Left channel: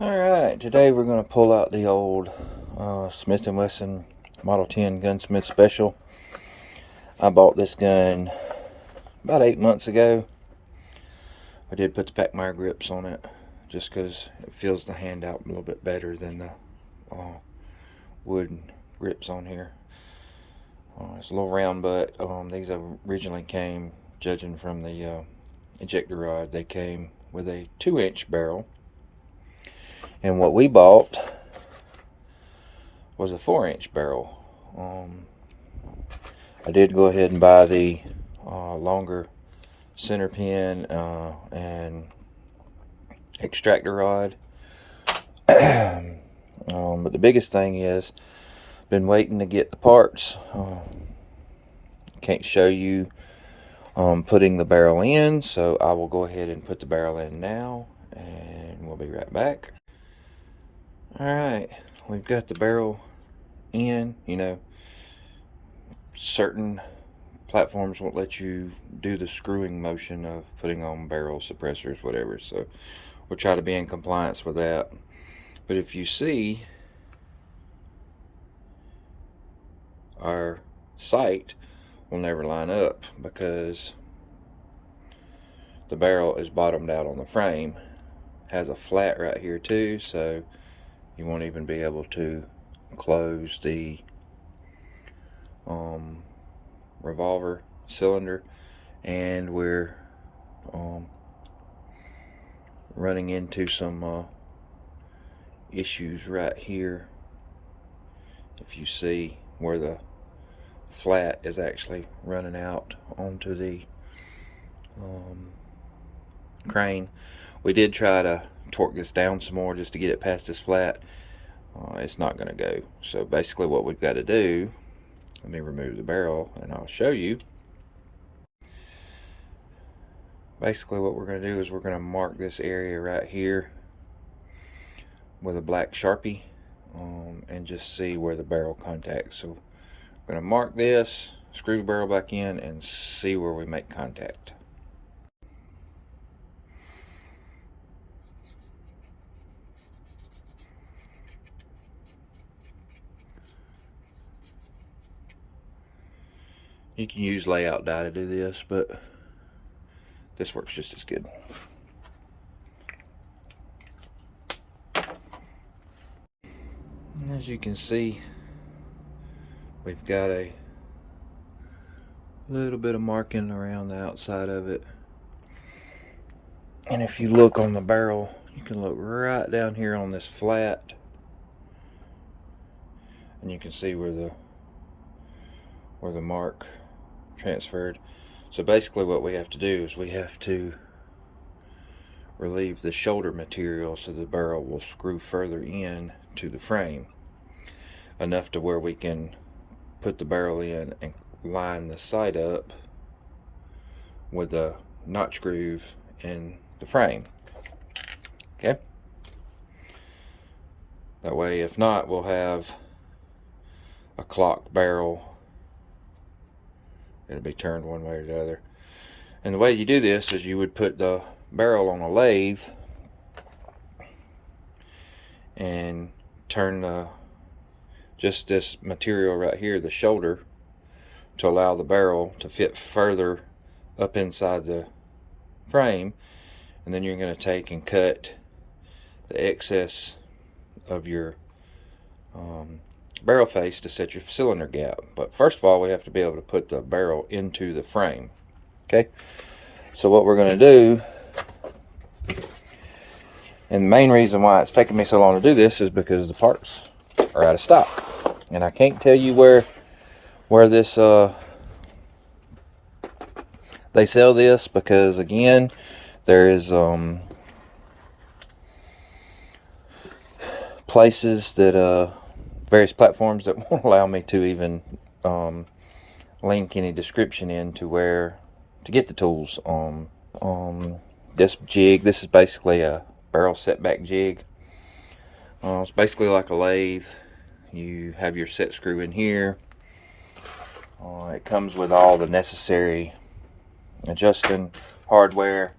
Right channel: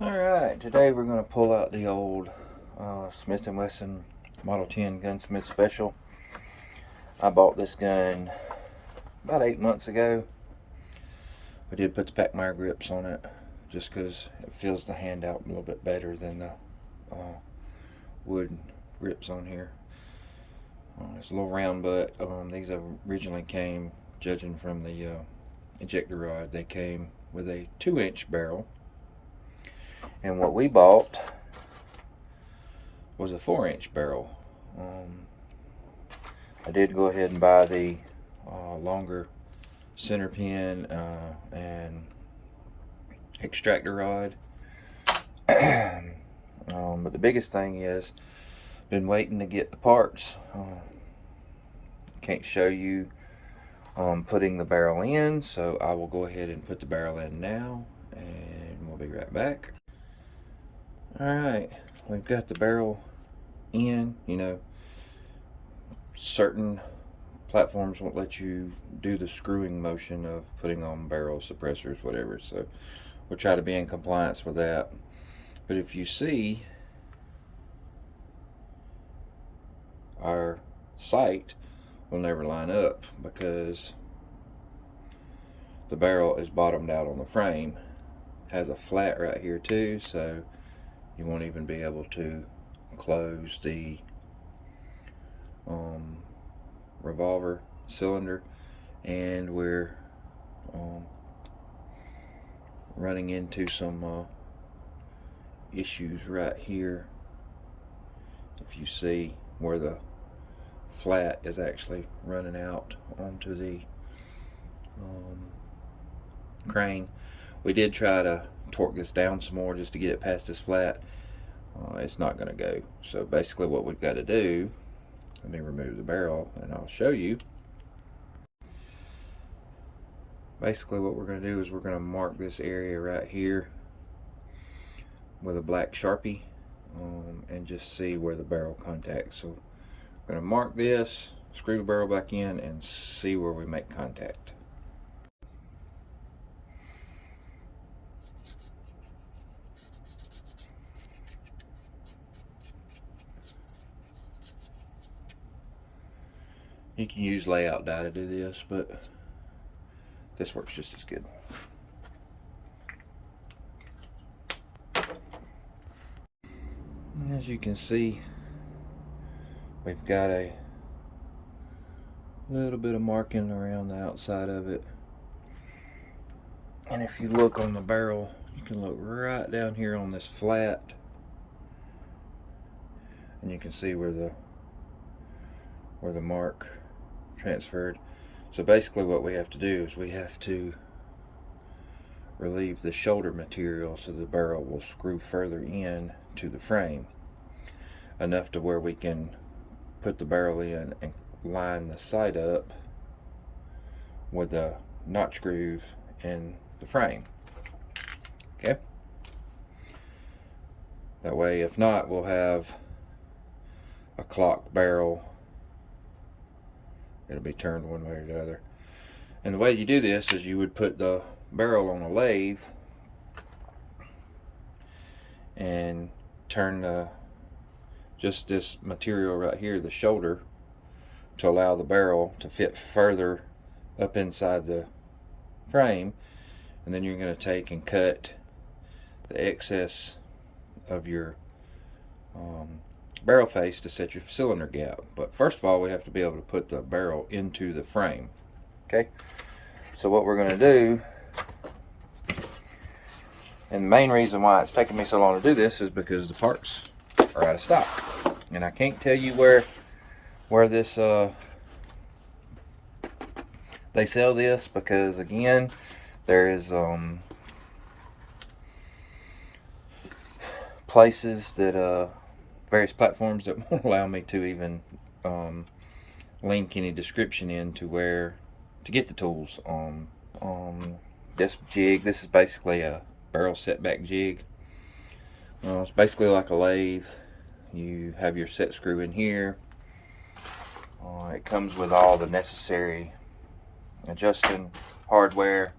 Alright, today we're going to pull out the old Smith & Wesson Model 10 Gunsmith Special. I bought this gun about 8 months ago. I did put the Packmeyer grips on it just because it feels the hand out a little bit better than the wood grips on here. It's a little round butt. These originally came, judging from the ejector rod, they came with a 2-inch barrel. And what we bought was a 4-inch barrel. I did go ahead and buy the longer center pin and extractor rod. But the biggest thing is, been waiting to get the parts. Can't show you putting the barrel in, so I will go ahead and put the barrel in now, and we'll be right back. Alright, we've got the barrel in. You know, certain platforms won't let you do the screwing motion of putting on barrel suppressors, whatever, so we'll try to be in compliance with that. But if you see, our sight will never line up because the barrel is bottomed out on the frame. Has a flat right here too, so you won't even be able to close the revolver cylinder, and we're running into some issues right here. If you see where the flat is actually running out onto the crane, we did try to torque this down some more just to get it past this flat. It's not going to go. So basically what we've got to do, let me remove the barrel and I'll show you. Basically what we're going to do is we're going to mark this area right here with a black Sharpie and just see where the barrel contacts. So we're going to mark this, screw the barrel back in, and see where we make contact. You can use layout die to do this, but this works just as good. As you can see, we've got a little bit of marking around the outside of it. And if you look on the barrel, you can look right down here on this flat, and you can see where the mark transferred. So basically what we have to do is we have to relieve the shoulder material so the barrel will screw further in to the frame, enough to where we can put the barrel in and line the sight up with a notch groove in the frame. Okay, that way, if not, we'll have a clocked barrel. It'll be turned one way or the other. And the way you do this is you would put the barrel on a lathe and turn just this material right here, the shoulder, to allow the barrel to fit further up inside the frame. And then you're going to take and cut the excess of your barrel face to set your cylinder gap. But first of all, we have to be able to put the barrel into the frame. Okay, so what we're going to do, and the main reason why it's taking me so long to do this, is because the parts are out of stock, and I can't tell you where this they sell this, because again, there is places that various platforms that won't allow me to even link any description in to where to get the tools. This jig, this is basically a barrel setback jig. It's basically like a lathe. You have your set screw in here. It comes with all the necessary adjusting hardware.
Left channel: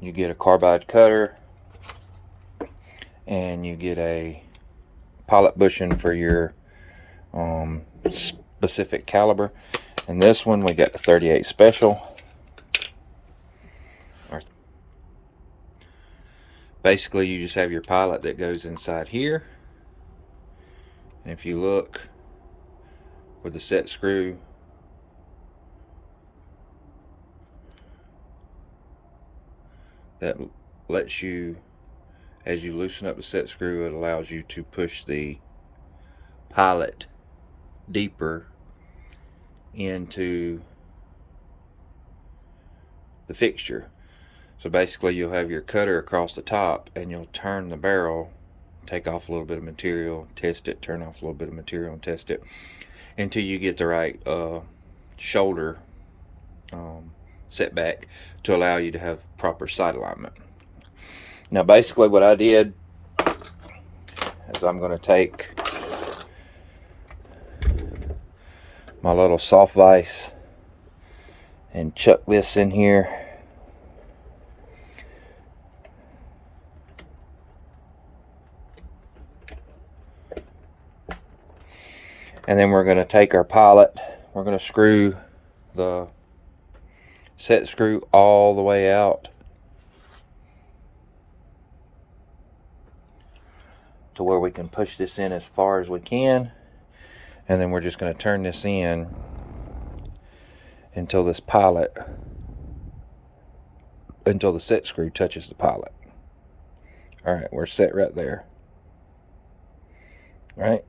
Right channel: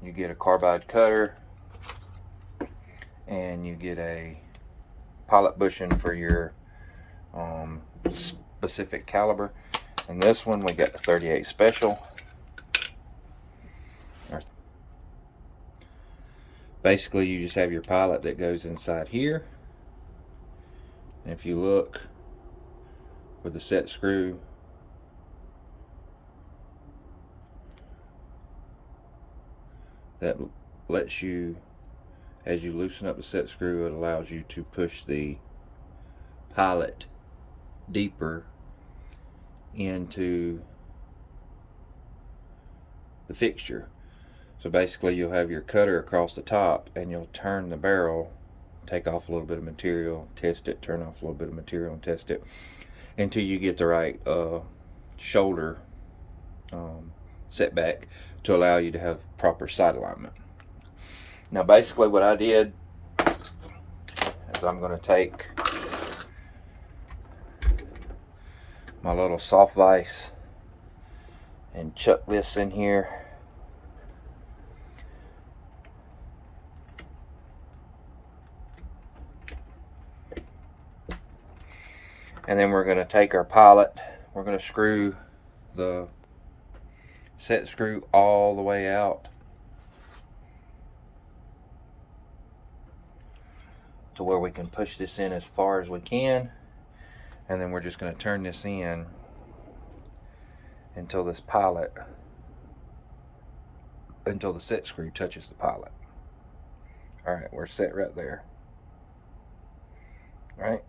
You get a carbide cutter. and you get a pilot bushing for your specific caliber. And this one we got the 38 special. Basically you just have your pilot that goes inside here, and if you look with the set screw, that lets you, as you loosen up the set screw, it allows you to push the pilot deeper into the fixture. So basically you'll have your cutter across the top, and you'll turn the barrel, take off a little bit of material, test it, turn off a little bit of material and test it, until you get the right shoulder setback to allow you to have proper sight alignment. Now basically what I did is I'm going to take my little soft vise and chuck this in here. And then we're going to take our pilot, we're going to screw the set screw all the way out to where we can push this in as far as we can. And then we're just going to turn this in until this pilot, until the set screw touches the pilot. Alright, we're set right there. Alright.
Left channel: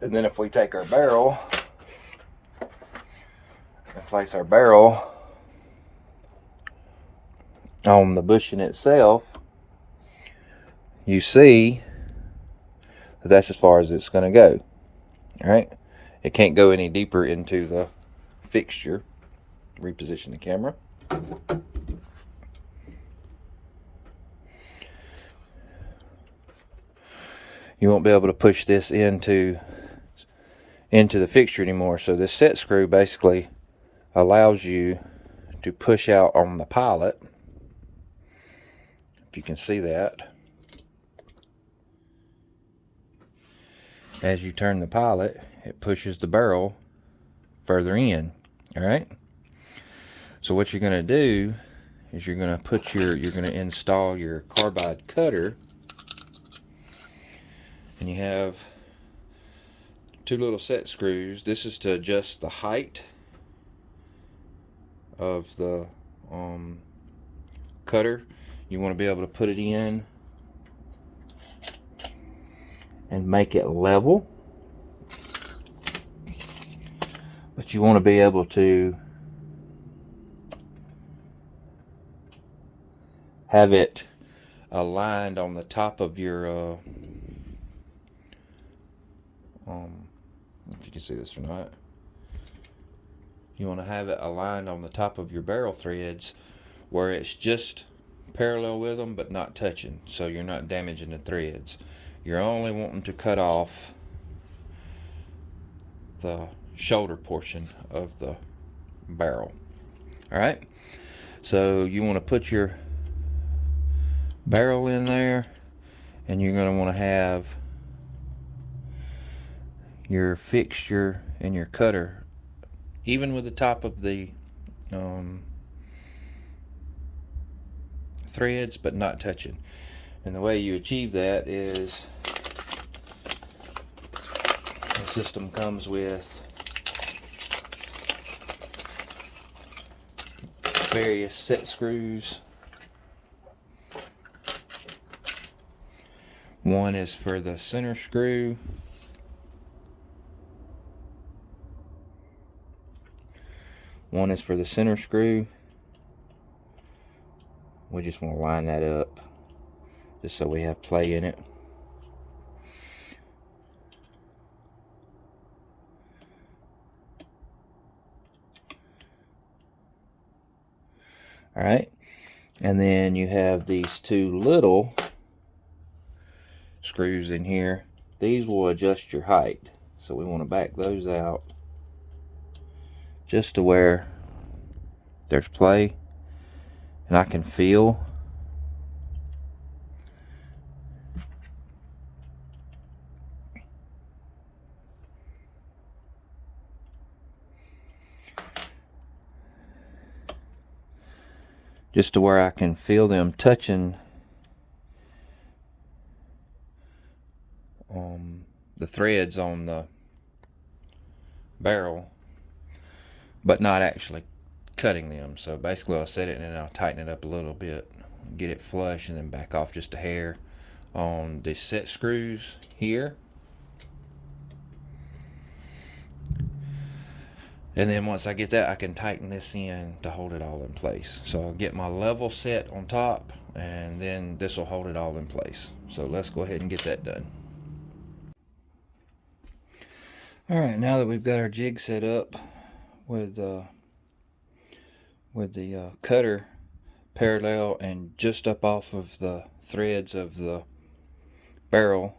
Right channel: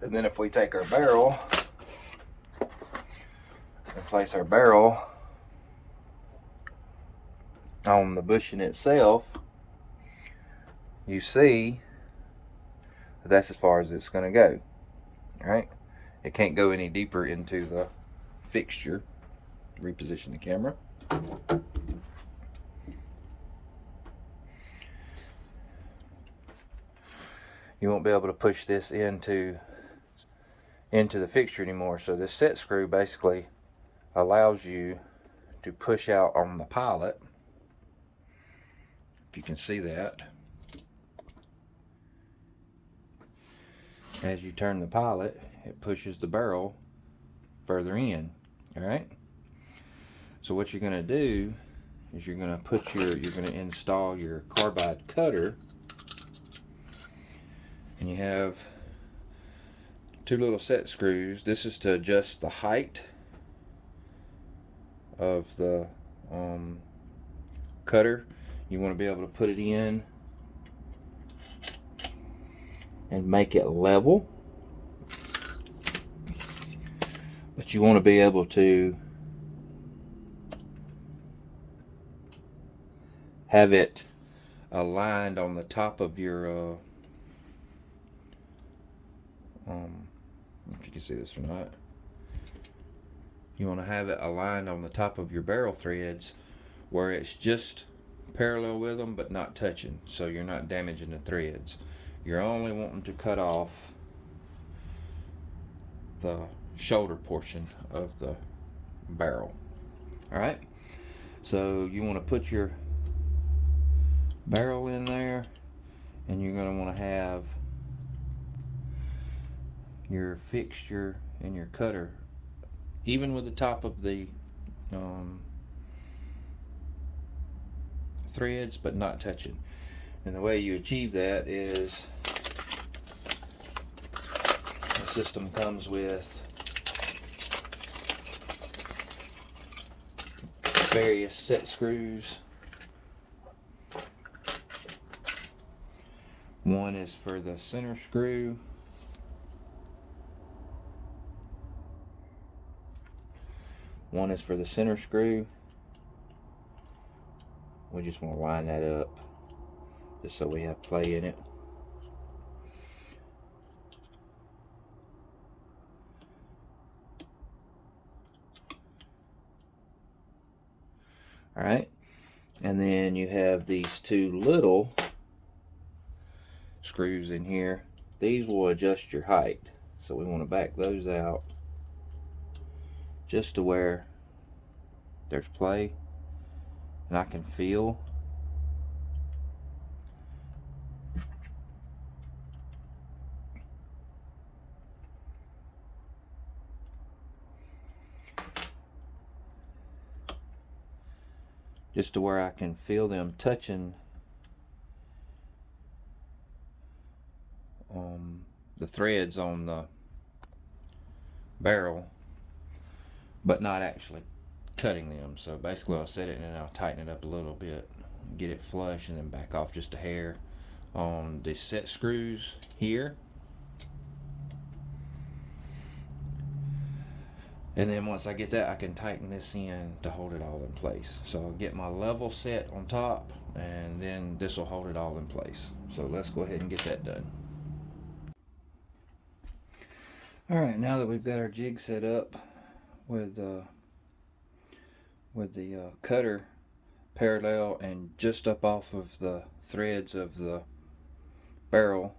And then if we take our barrel and place our barrel on the bushing itself, you see that that's as far as it's going to go. Alright, it can't go any deeper into the fixture. Reposition the camera. You won't be able to push this into the fixture anymore. So this set screw basically allows you to push out on the pilot, if you can see that. As you turn the pilot, it pushes the barrel further in. Alright, so what you're going to do is you're going to install your carbide cutter, and you have two little set screws. This is to adjust the height of the cutter. You want to be able to put it in and make it level, but you want to be able to have it aligned on the top of your if you can see this or not, you want to have it aligned on the top of your barrel threads where it's just parallel with them but not touching, so you're not damaging the threads. You're only wanting to cut off the shoulder portion of the barrel. Alright, so you want to put your barrel in there, and you're going to want to have your fixture and your cutter even with the top of the threads, but not touching. And the way you achieve that is the system comes with various set screws. One is for the center screw. One is for the center screw. We just want to line that up just so we have play in it. Alright, and then you have these two little screws in here. These will adjust your height, so we want to back those out just to where there's play and I can feel just to where I can feel them touching the threads on the barrel, but not actually cutting them. So basically I'll set it and then I'll tighten it up a little bit, get it flush, and then back off just a hair on the set screws here. And then once I get that, I can tighten this in to hold it all in place. So I'll get my level set on top, and then this will hold it all in place. So let's go ahead and get that done. Alright, now that we've got our jig set up with the cutter parallel and just up off of the threads of the barrel,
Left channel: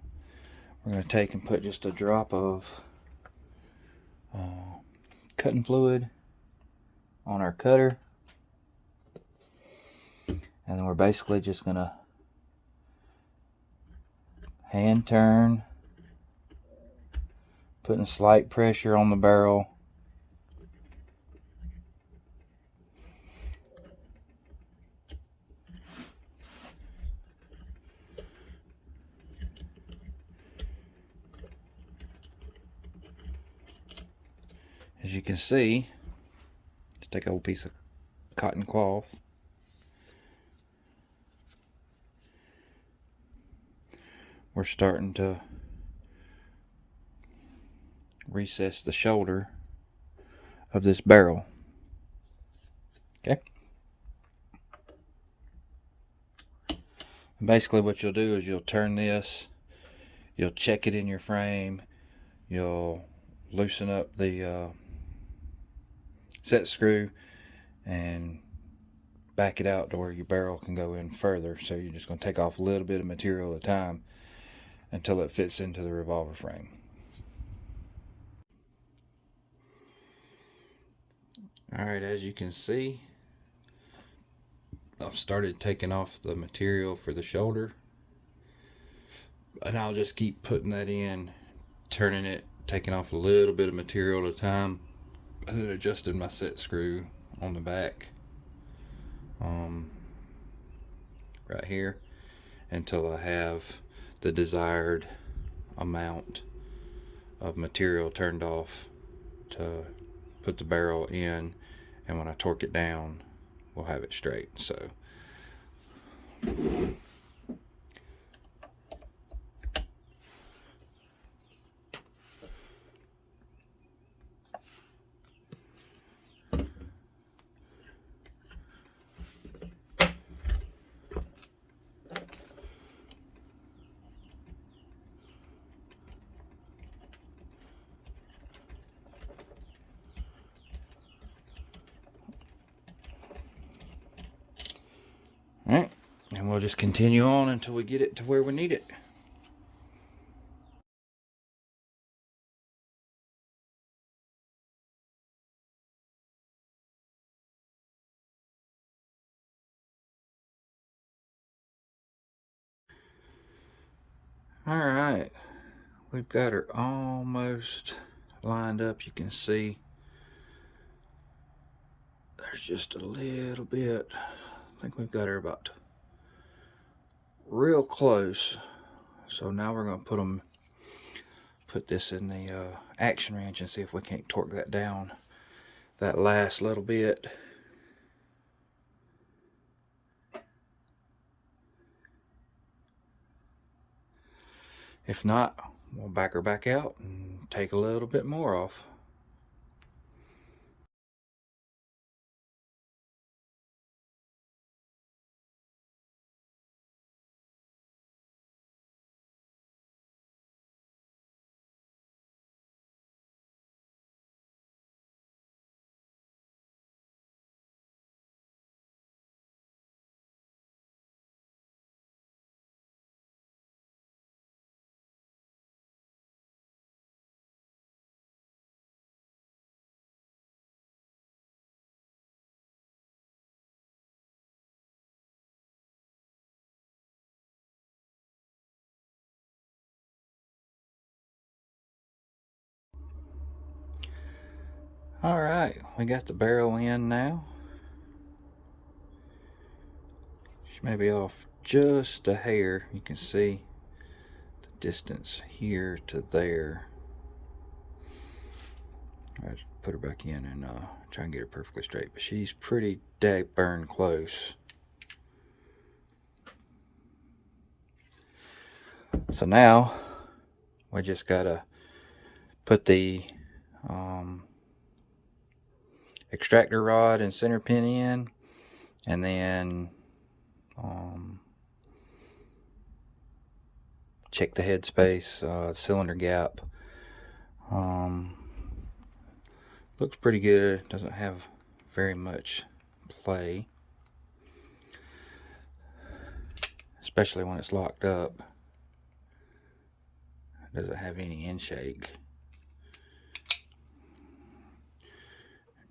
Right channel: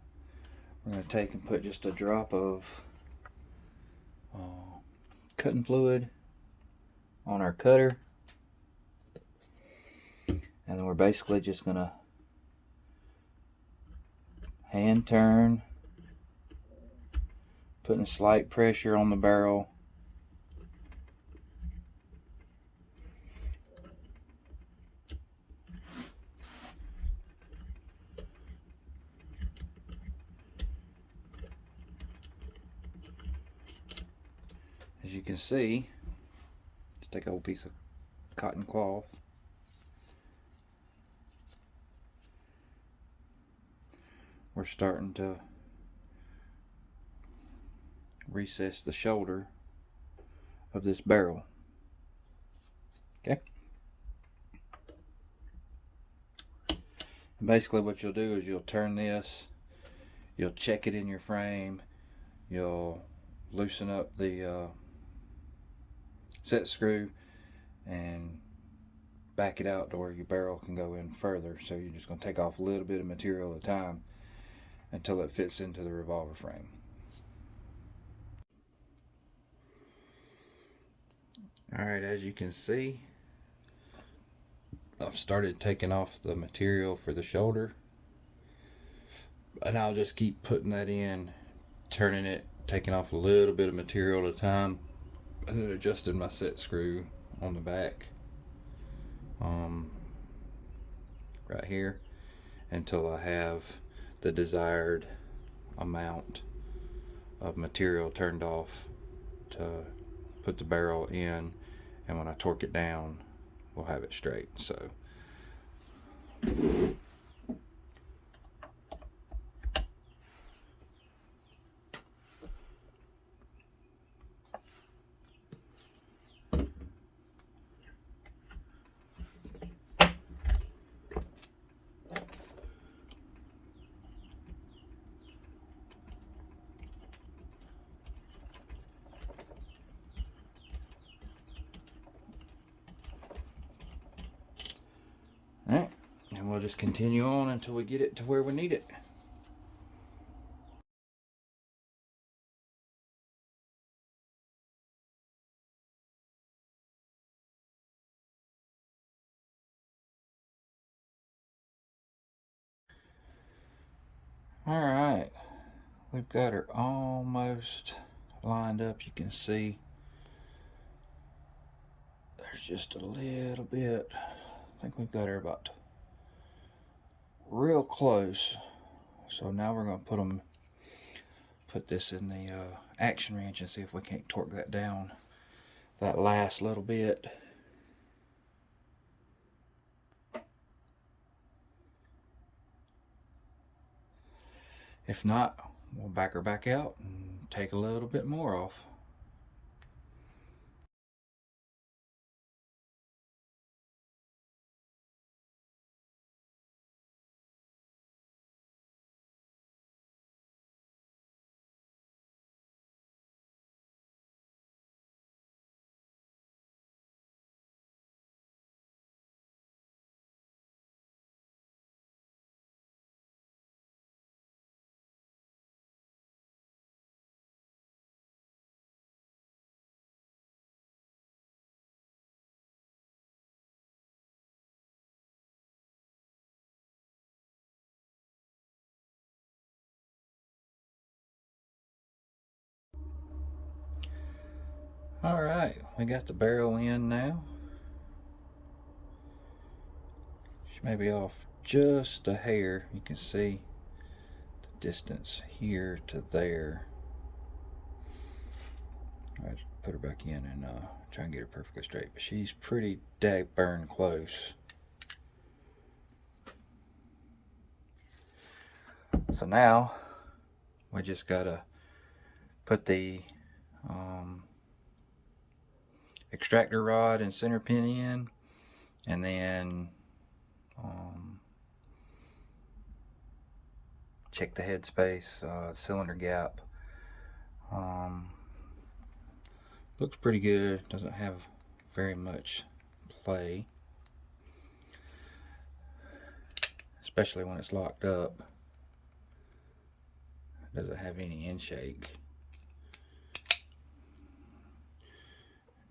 we're going to take and put just a drop of cutting fluid on our cutter, and then we're basically just going to hand turn, putting slight pressure on the barrel, as you can see. Just take a little piece of cotton cloth, we're starting to recess the shoulder of this barrel. Okay. And basically what you'll do is you'll turn this, you'll check it in your frame, you'll loosen up the set screw and back it out to where your barrel can go in further. So you're just going to take off a little bit of material at a time until it fits into the revolver frame. Alright, as you can see, I've started taking off the material for the shoulder, and I'll just keep putting that in, turning it, taking off a little bit of material at a time, and then adjusting my set screw on the back right here until I have the desired amount of material turned off to put the barrel in, and when I torque it down we'll have it straight. So alright, and we'll just continue on until we get it to where we need it. Alright, we've got her almost lined up. You can see there's just a little bit. I think we've got her about real close. So now we're going to put this in the action wrench and see if we can't torque that down that last little bit. If not, we'll back her back out and take a little bit more off. Alright, we got the barrel in now. She may be off just a hair. You can see the distance here to there. I'll put her back in and try and get her perfectly straight, but she's pretty dag-burn close. So now we just gotta put the extractor rod and center pin in, and then check the head space, cylinder gap. Looks pretty good. Doesn't have very much play, especially when it's locked up. Doesn't have any end shake.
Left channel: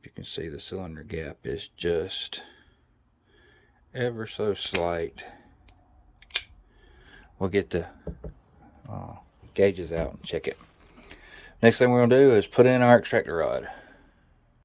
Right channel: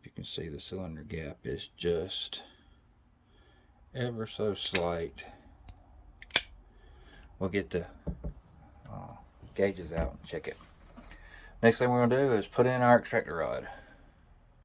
You can see the cylinder gap is just ever so slight. We'll get the gauges out and check it. Next thing we're going to do is put in our extractor rod.